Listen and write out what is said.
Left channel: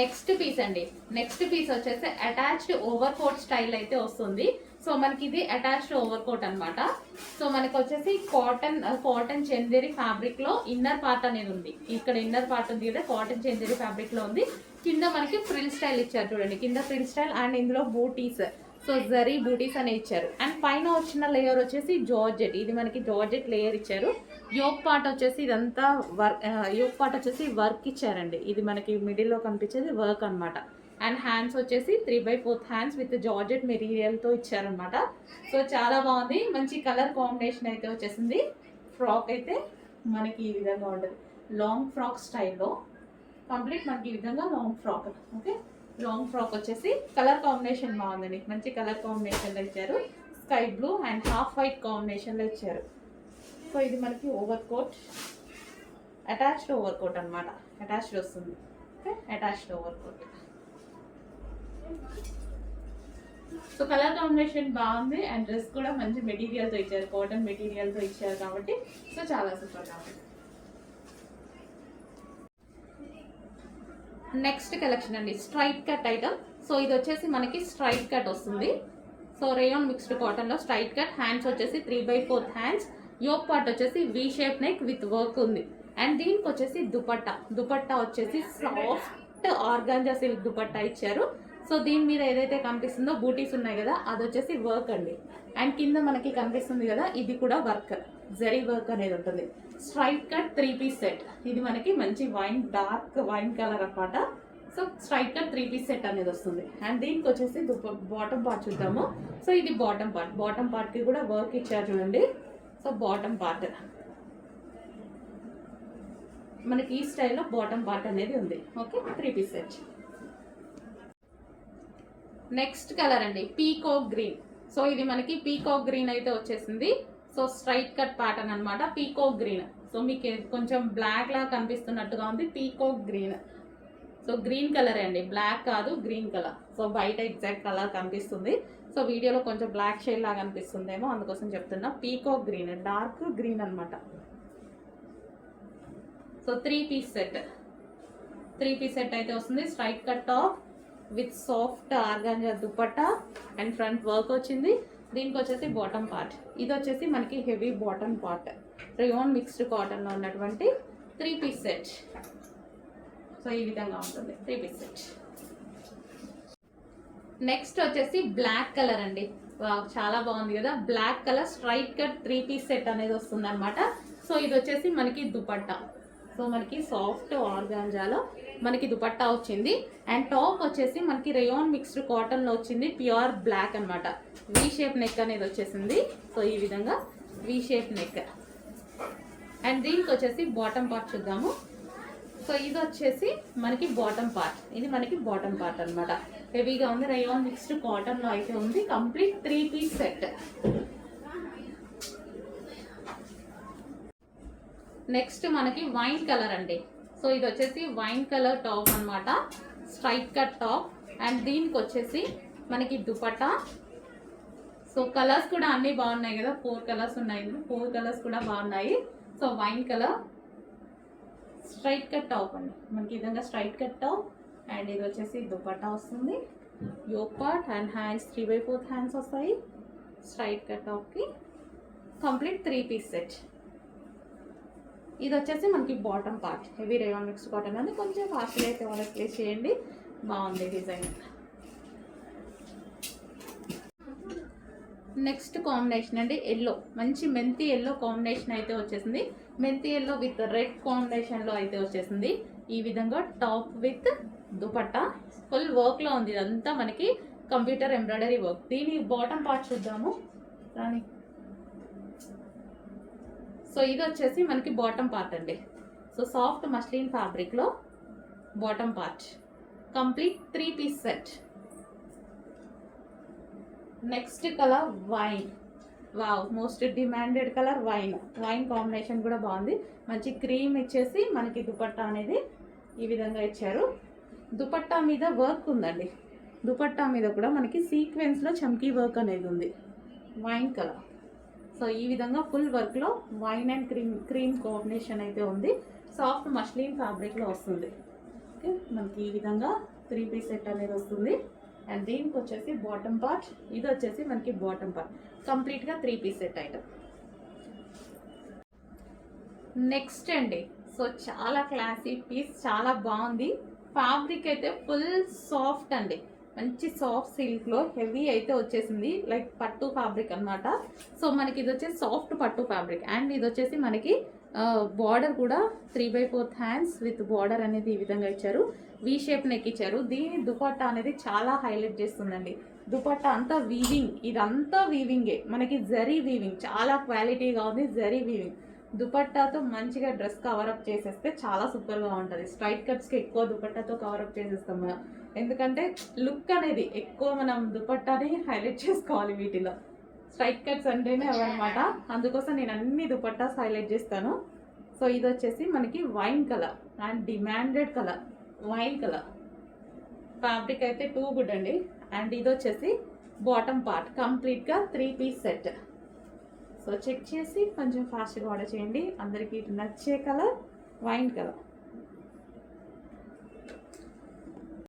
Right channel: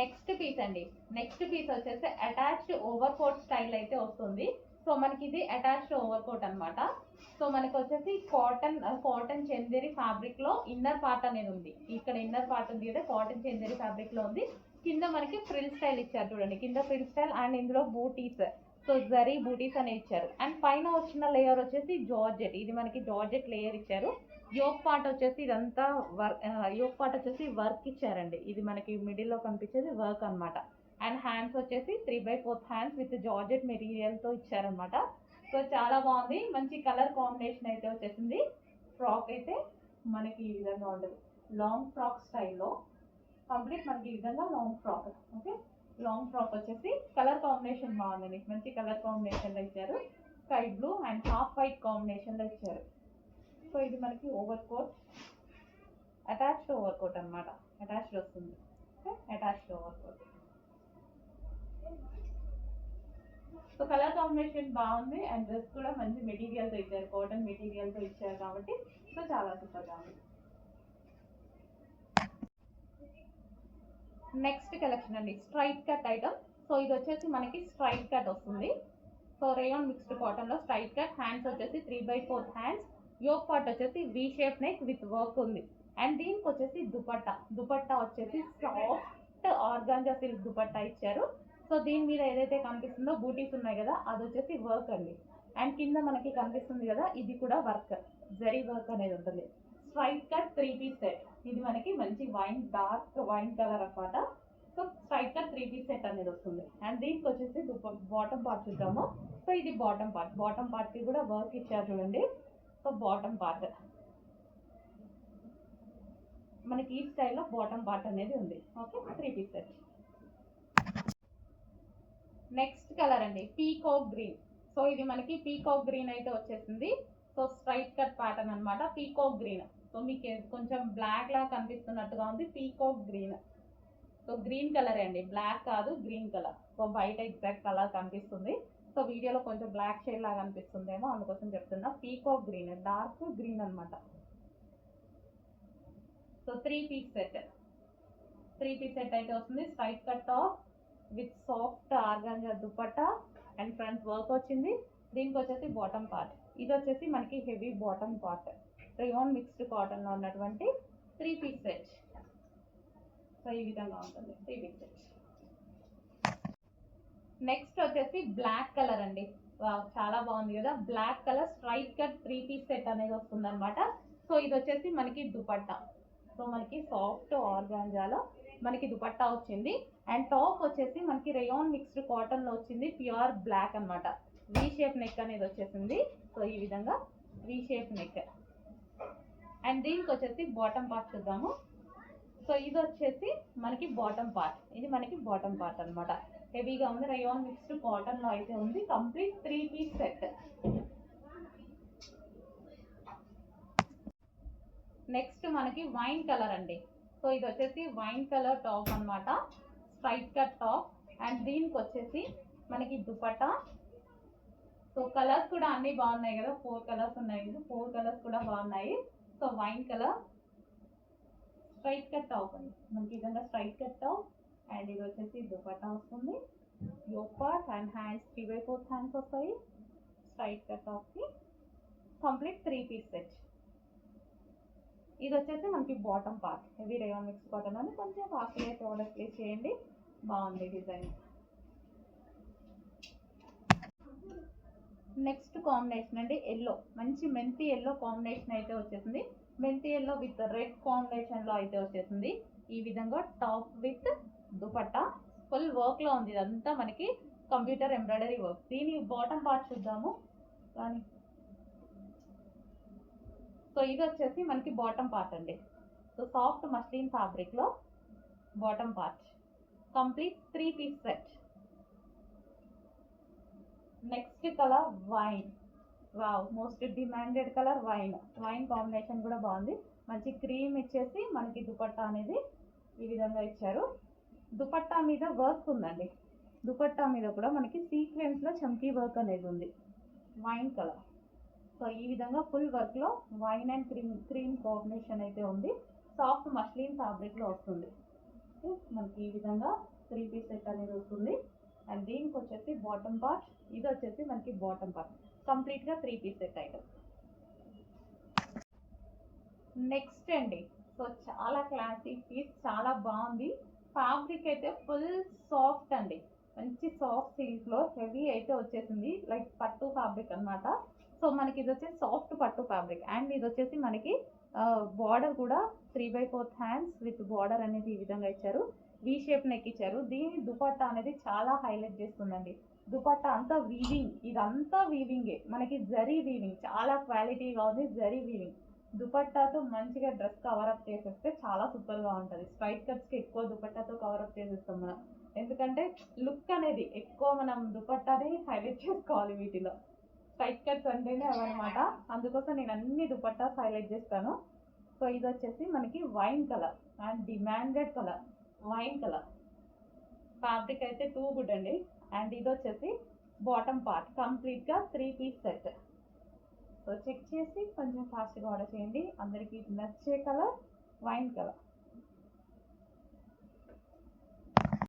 Next piece అండి. Next piece వచ్చేసి attached over coat style అయితే వస్తుంది. సో మనకి ఇది అటాచ్డ్ ఓవర్ కోట్ అనమాట. సో మనకి వచ్చేసి కాటన్ చందేరి ఫ్యాబ్రిక్ లో ఇన్నర్ పార్ట్ అనేది ఉంది. ఇక్కడ ఇన్నర్ పార్ట్ ఉంది కదా, కాటన్ చందేరి ఫ్యాబ్రిక్ లో ఉంది. కింద మనకి ఫ్రిల్ స్టైల్ ఇచ్చారు చూడండి, కింద ఫ్రిల్ స్టైల్ అండ్ ఇందులో బూటీస్, సో జరీ బూటీస్ అని ఇచ్చారు. అండ్ పైన వచ్చిన లేయర్ వచ్చేసి జార్జెట్, ఇది మనకి జార్జెట్ లేయర్ ఇచ్చారు. యోక్ పార్ట్ వచ్చేసి ఇదంతా యోక్ పార్ట్ వచ్చేసి వర్క్ ఇచ్చారండి. ఇది మనకి మిడిల్లో కనిపించేది వర్క్ అనమాట. అండ్ హ్యాండ్స్ వచ్చేసి 3/4 హ్యాండ్స్ విత్ జార్జెట్ మెటీరియల్తో ఇచ్చారనమాట. సో చాలా బాగుంది, మంచి కలర్ కాంబినేషన్ అయితే వచ్చేసింది. ఫ్రాక్ అయితే మనకి ఈ విధంగా ఉంటుంది, లాంగ్ ఫ్రాక్ స్టైల్లో కంప్లీట్ మనకి ఈ విధంగా long frock. Okay, long frock వచ్చేసి కలర్ కాంబినేషన్ బాగుందండి, మంచి కలర్ కాంబినేషన్లో ఇచ్చారు. Sky blue and half white కాంబినేషన్లో ఇచ్చారు. సో ఇది మనకి over coat, attached over coat అనమాట, అటాచ్డ్ వస్తుంది. Okay, attached over coat. So colour combination బాగుంది అండ్ డ్రెస్ కూడా మంచి మెటీరియల్తో ఇచ్చారు, కాటన్ మెటీరియల్తో ఇచ్చారు కాబట్టి సో చాలా సూపర్గా ఉంది. నెక్స్ట్ కలెక్షన్ అండి, స్ట్రైట్ కట్ ఐటమ్. సో ఇది వచ్చేసి మనకి స్ట్రైట్ కట్ వస్తుంది. సో రేయాన్ మిక్స్డ్ కాటన్లో స్ట్రైట్ కట్. హ్యాండ్స్ వచ్చేసి 3/4 హ్యాండ్స్. యోక్ పార్ట్ వచ్చేసి V shape neck with work ఉంది. అండ్ దీనికి వచ్చేసి దుపట్టా వచ్చేసి సాఫ్ట్ ఆర్గాంజా సిల్క్ దుపట్టా ఇచ్చారు. సో దీని మీద ఏదైతే కనిపిస్తుందో బూటీస్ ఉన్నాయి కదా, అది వచ్చేసి వర్క్ అండి. అండ్ కింద మనకి కనిపిస్తుంది కదా, ఇది కూడా వర్క్, జరీ వర్క్ అనేది ఉంటుంది. స్ట్రైట్ కట్ 3 పీస్ సెట్, ఇది మనకి మంచి డార్క్ వైన్ కలర్ అనమాట. So straight cut 3 piece set అనేది వస్తుంది. అండ్ దీనికి వచ్చేసి బాటమ్ పార్ట్ చూద్దాము. సో ఇది బాటమ్ పార్ట్కి కూడా వర్క్ ఇచ్చారు చూడండి. సో బాటమ్ పార్ట్ మనకి ఈ స్టైల్లో బాటమ్ పార్ట్ అనేది ఉంది. Okay, 3 piece set. Next colour అండి, పీకాక్ గ్రీన్. సో ఇది మనకి పీకాక్ గ్రీన్ అయితే వచ్చేసింది. సో స్ట్రైట్ కట్ ప్యాటర్న్ అనమాట, పీకాక్ గ్రీన్. సో మీకు కొంచెం బ్లాక్ లా కనిపిస్తున్నట్టుగా ఉంది, peacock green. So green colour అండి, బ్లాక్ కాదు, గ్రీన్ కలర్. సో బయట ఎగ్జాక్ట్ కలర్ కనిపిస్తుంది, సో వీడియోలో కొంచెం బ్లాక్ షేడ్ లాగా అనిపిస్తుందేమో, అందుకోసం చెప్తున్నా. పీకాక్ గ్రీన్, డార్క్ గ్రీన్ అనమాట. సో 3 పీస్ సెట్ అయితే వస్తుంది. Straight cut top with soft organza dupatta and front work వచ్చింది. దీనికి వచ్చేసి బాటమ్ పార్ట్, ఇది వచ్చేసి మనకి heavy bottom part, rayon mixed కాటన్లో ఉన్నటువంటి 3 పీస్ సెట్. సో ఈ విధంగా ఉంటుంది 3 పీస్ సెట్. నెక్స్ట్ వచ్చేసి బ్లాక్ కలర్ అండి, చాలా బాగుంది కదా, black colour straight cut 3 piece set అనేది వస్తుంది అనమాట. సో ఇది వచ్చేసి మనకి దుపట్టా, సో మనకి సాఫ్ట్ ఆర్గాంజాలో మనకి దుపట్టా వచ్చింది. అండ్ టాప్ వచ్చేసి మనకి రేయాన్ మిక్స్డ్ కాటన్లో వచ్చింది, ప్యూర్ బ్లాక్ అనమాట. వి షేప్ నెక్ అనేది వచ్చేసింది. సో ఈ విధంగా వి షేప్ నెక్. అండ్ దీనికి వచ్చేసి బాటమ్ పార్ట్ చూద్దాము. సో ఇది వచ్చేసి మనకి బాటమ్ పార్ట్, ఇది మనకి బాటమ్ పార్ట్ అనమాట. హెవీగా ఉంది, రేయాన్ మిక్స్డ్ కాటన్లో అయితే ఉంది. Complete 3 piece set. నెక్స్ట్ మనకి వైన్ కలర్ అండి. సో ఇది వచ్చేసి వైన్ కలర్ టాప్ అనమాట, స్ట్రైట్ కట్ టాప్. అండ్ దీనికి వచ్చేసి మనకి దుపట్టా. సో కలర్స్ కూడా అన్నీ బాగున్నాయి కదా, 4 కలర్స్ ఉన్నాయి, 4 కలర్స్ కూడా బాగున్నాయి. So wine colour straight cut top అండి, మనకి ఈ విధంగా స్ట్రైట్ కట్ టాప్. అండ్ ఇది వచ్చేసి దుపట్టా వస్తుంది, yoke part and hands 3/4 hands వస్తాయి. స్ట్రైట్ కట్ టాప్కి కంప్లీట్ 3 పీస్ సెట్. ఇది వచ్చేసి మనకి bottom part, heavy rayon mix cotton అని కొంచెం ఫాస్ట్గా అయితే ఆర్డర్ ప్లేస్ చేయండి, బాగుంది డిజైన్. నెక్స్ట్ కాంబినేషన్ అండి, ఎల్లో, మంచి మెంతి ఎల్లో కాంబినేషన్ అయితే వచ్చేసింది. మెంతి ఎల్లో విత్ రెడ్ కాంబినేషన్లో అయితే వచ్చేసింది. ఈ విధంగా టాప్ విత్ దుపట్టా ఫుల్ వర్క్లో ఉంది, ఇదంతా మనకి కంప్యూటర్ ఎంబ్రాయిడరీ వర్క్. దీని బాటమ్ పార్ట్ చూద్దాము రాని. సో ఇది వచ్చేసి మనకి బాటమ్ పార్ట్ అండి. సో సాఫ్ట్ మస్లిన్ ఫ్యాబ్రిక్లో bottom part, complete 3 piece set. Next colour wine, wow, most demanded colour wine combination కూడా బాగుంది. మంచి క్రీమ్ ఇచ్చేసి మనకి దుపట్టా అనేది ఈ విధంగా ఇచ్చారు. దుపట్టా మీద వర్క్ ఉందండి, దుపట్టా మీద కూడా మనకి సీక్వెన్స్లో చమ్కీ వర్క్ అనేది ఉంది, వైన్ కలర్. సో ఈ విధంగా ఫుల్ వర్క్లో వైన్ అండ్ క్రీమ్ కాంబినేషన్ అయితే ఉంది. సాఫ్ట్ మస్లిన్ ఫ్యాబ్రిక్లో వస్తుంది. ఓకే, మనకి ఈ విధంగా 3 పీస్ సెట్ అనేది వస్తుంది. అండ్ దీనికి వచ్చేసి బాటమ్ పార్ట్, ఇది వచ్చేసి మనకి బాటమ్ పార్ట్, కంప్లీట్గా 3 పీస్ సెట్ ఐటమ్. నెక్స్ట్ అండి, సో చాలా క్లాసీ పీస్, చాలా బాగుంది. ఫ్యాబ్రిక్ అయితే ఫుల్ సాఫ్ట్ అండి, మంచి సాఫ్ట్ సిల్క్లో హెవీ అయితే వచ్చేసింది, లైక్ పట్టు ఫ్యాబ్రిక్ అనమాట. సో మనకి ఇది వచ్చేసి సాఫ్ట్ పట్టు ఫ్యాబ్రిక్. అండ్ ఇది వచ్చేసి మనకి బార్డర్ కూడా 3/4 హ్యాండ్స్ విత్ బార్డర్ అనేది ఈ విధంగా ఇచ్చారు, వి షేప్ నెక్ ఇచ్చారు. దీని దుపట్టా అనేది చాలా హైలైట్ చేస్తుందండి. దుపట్టా అంతా వీవింగ్, ఇదంతా వీవింగే, మనకి జరీ వీవింగ్ చాలా క్వాలిటీగా ఉంది, జరీ వీవింగ్. దుపట్టాతో మంచిగా డ్రెస్ కవరప్ చేసేస్తే చాలా సూపర్గా ఉంటుంది. స్ట్రైట్ కట్స్కి ఎక్కువ దుపట్టాతో కవరప్ చేసేస్తాం మనం, ఎందుకంటే లుక్ అనేది ఎక్కువ మనం దుపట్టాని హైలైట్ చేసుకోవాలి వీటిలో. స్ట్రైట్ కట్స్ అంటేనే అవన్నమాట, అందుకోసం నేను అన్ని దుపట్టాస్ హైలైట్ చేస్తాను. సో ఇది వచ్చేసి మనకి wine colour and demanded colour, wine colour fabric అయితే టూ గుడ్ అండి. అండ్ ఇది వచ్చేసి బాటమ్ పార్ట్, కంప్లీట్గా 3 పీస్ సెట్. సో చెక్ చేసి కొంచెం ఫాస్ట్గా ఆర్డర్ చేయండి. అందరికీ నచ్చే కలర్ వైన్ కలర్.